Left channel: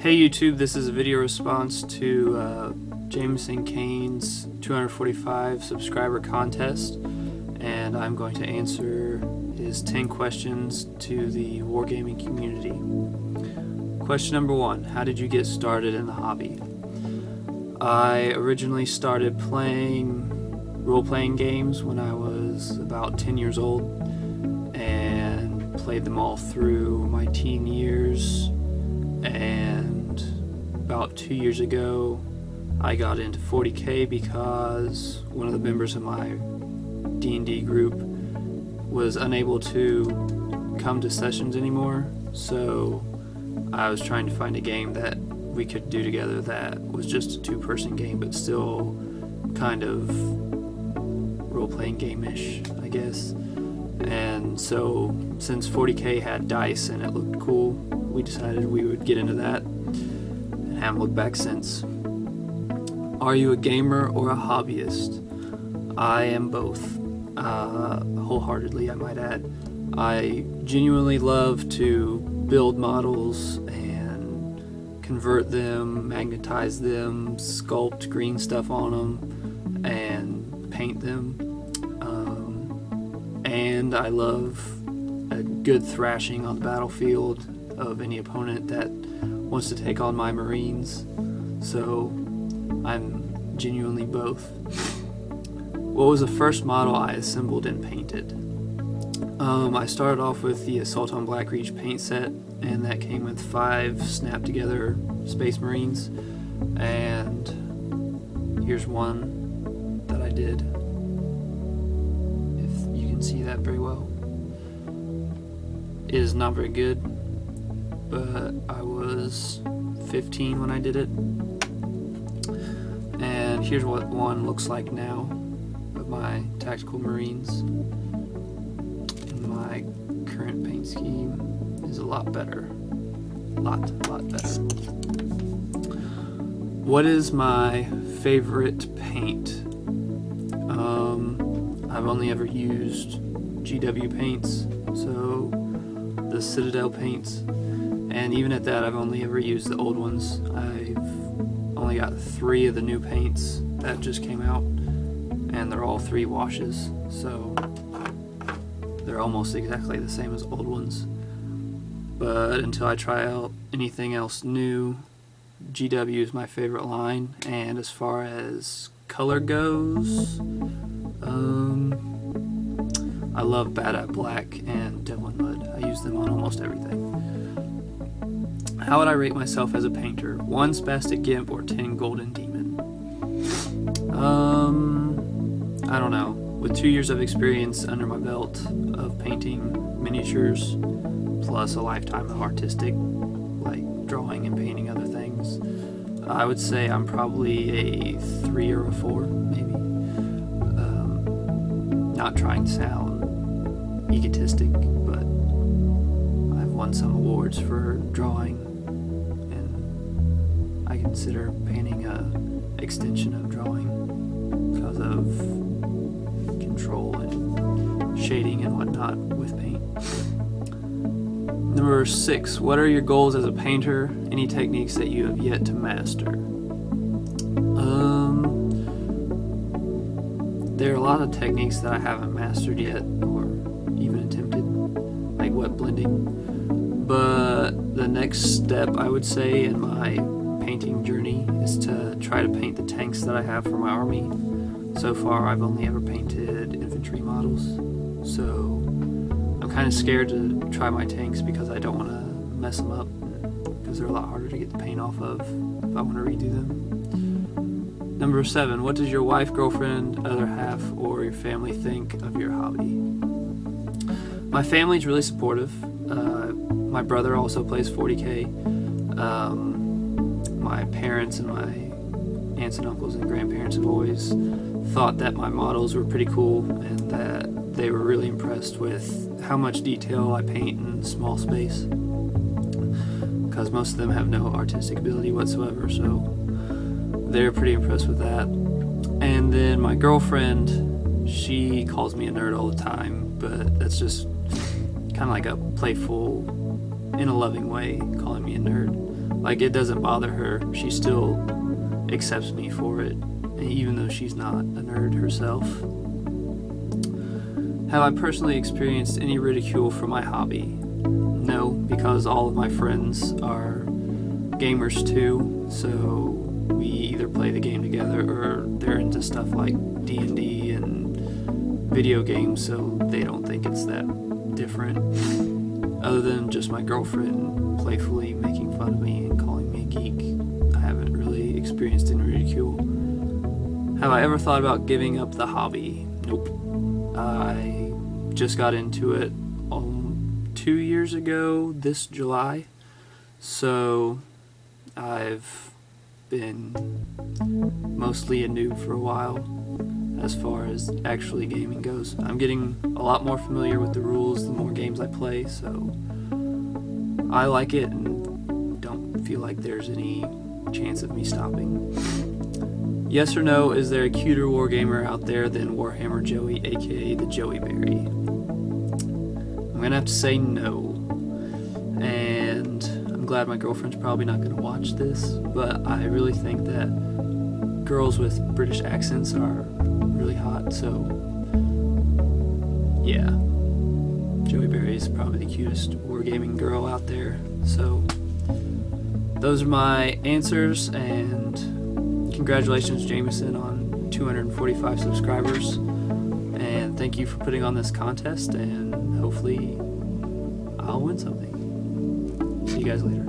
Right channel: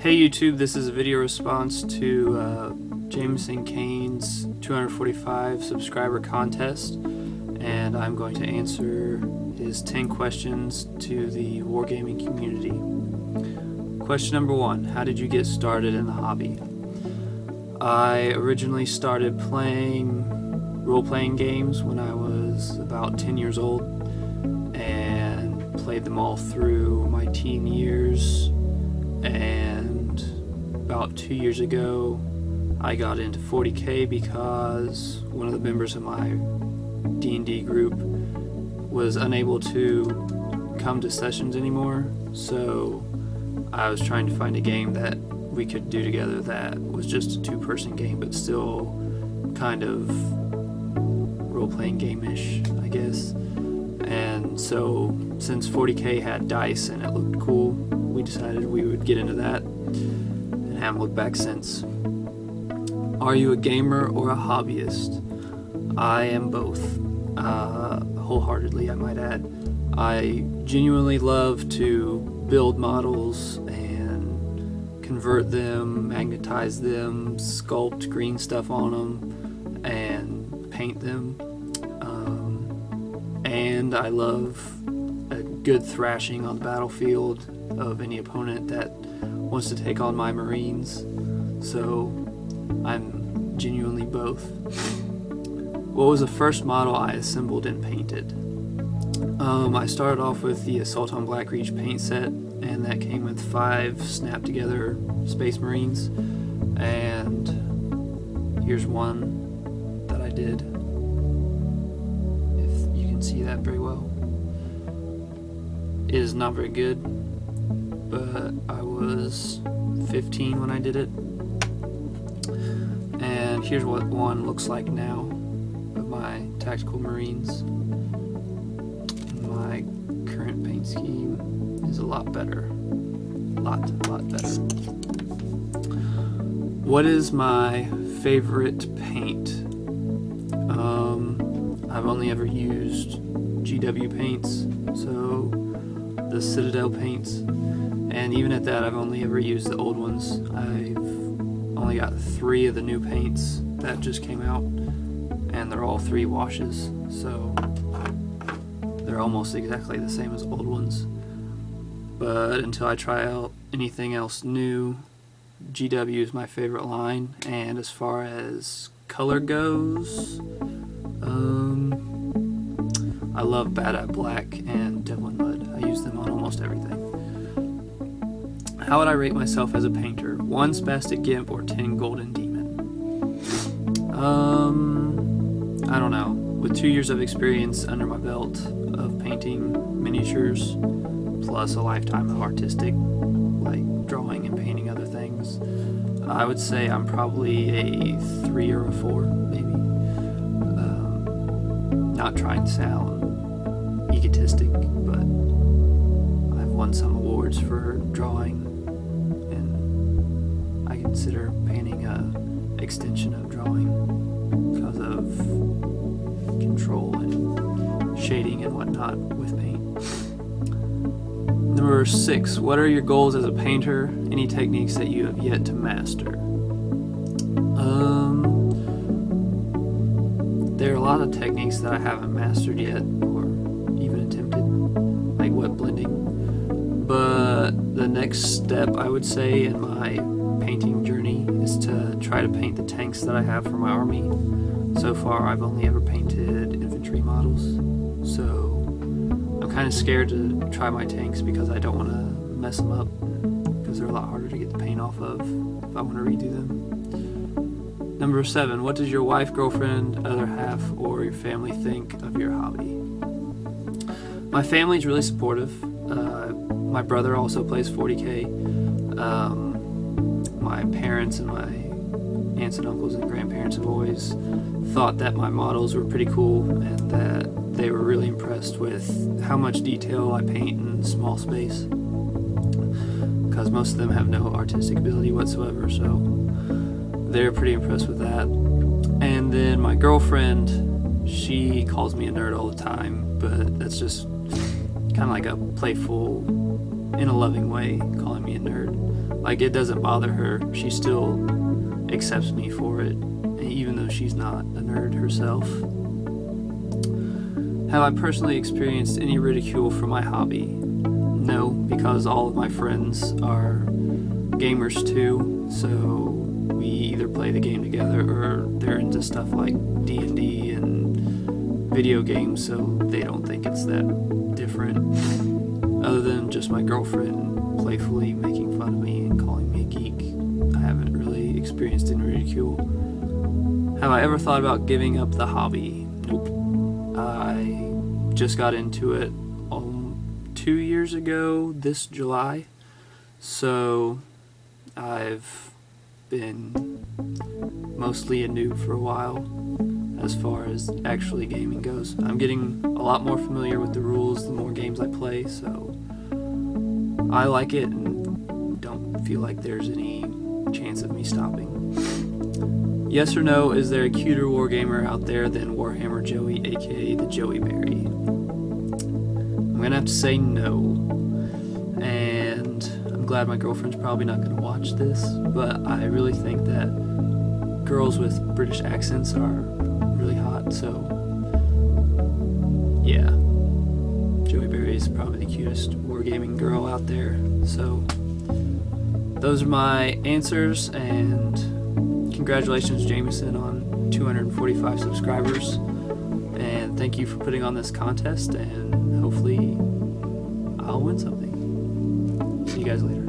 Hey YouTube, this is a video response to JamesonCaine's 245 subscriber contest, and I'm going to answer his 10 questions to the wargaming community. Question number 1, how did you get started in the hobby? I originally started playing role-playing games when I was about 10 years old and played them all through my teen years. And about 2 years ago I got into 40K because one of the members of my D&D group was unable to come to sessions anymore, so I was trying to find a game that we could do together that was just a two-person game but still kind of role-playing game-ish, I guess. And so since 40K had dice and it looked cool, we decided we would get into that and haven't looked back since. Are you a gamer or a hobbyist? I am both, wholeheartedly I might add. I genuinely love to build models and convert them, magnetize them, sculpt green stuff on them, and paint them. And I love a good thrashing on the battlefield of any opponent that wants to take on my Marines, so I'm genuinely both. What was the first model I assembled and painted? I started off with the Assault on Blackreach paint set, and that came with 5 snap together Space Marines, and here's one that I did, if you can see that very well. It is not very good, but I was 15 when I did it. And here's what one looks like now of my tactical Marines. And my current paint scheme is a lot better. Lot better. What is my favorite paint? I've only ever used GW paints, so the Citadel paints, and even at that I've only ever used the old ones. I've only got 3 of the new paints that just came out, and they're all 3 washes, so they're almost exactly the same as old ones. But until I try out anything else new, GW is my favorite line. And as far as color goes, I love Bad at Black and Devil in Mud. I use them on almost everything. How would I rate myself as a painter? 1 Spastic Gimp or 10 Golden Demon? I don't know. With 2 years of experience under my belt of painting miniatures, plus a lifetime of artistic, like drawing and painting other things, I would say I'm probably a 3 or a 4, maybe. Not trying to sound egotistic, but I've won some awards for drawing, and I consider painting an extension of drawing because of control and shading and whatnot with paint. Number 6, what are your goals as a painter? Any techniques that you have yet to master? There are a lot of techniques that I haven't mastered yet, or even attempted, like wet blending. But the next step, I would say, in my painting journey is to try to paint the tanks that I have for my army. So far, I've only ever painted infantry models, so I'm kind of scared to try my tanks because I don't want to mess them up, because they're a lot harder to get the paint off of if I want to redo them. Number 7, what does your wife, girlfriend, other half, or your family think of your hobby? My family's really supportive. My brother also plays 40K. My parents and my aunts and uncles and grandparents have always thought that my models were pretty cool, and that they were really impressed with how much detail I paint in small space, because most of them have no artistic ability whatsoever, so they're pretty impressed with that. And then my girlfriend, she calls me a nerd all the time, but that's just kind of like a playful in a loving way, calling me a nerd. Like, it doesn't bother her. She still accepts me for it, even though she's not a nerd herself. Have I personally experienced any ridicule for my hobby? No, because all of my friends are gamers too, so we either play the game together or they're into stuff like D&D and video games, so they don't think it's that different. Other than just my girlfriend playfully making fun of me and calling me a geek, I haven't really experienced any ridicule. Have I ever thought about giving up the hobby? Nope. I just got into it 2 years ago this July, so I've been mostly a noob for a while as far as actually gaming goes. I'm getting a lot more familiar with the rules the more games I play, so I like it and don't feel like there's any chance of me stopping. Yes or no, is there a cuter wargamer out there than Warhammer Joey, aka the Joey Berry? I'm gonna have to say no, and I'm glad my girlfriend's probably not gonna watch this, but I really think that girls with British accents are really hot, so yeah, Joey Berry is probably the cutest wargaming girl out there. So those are my answers, and congratulations, Jameson, on 245 subscribers, and thank you for putting on this contest, and hopefully I'll win something. See you guys later.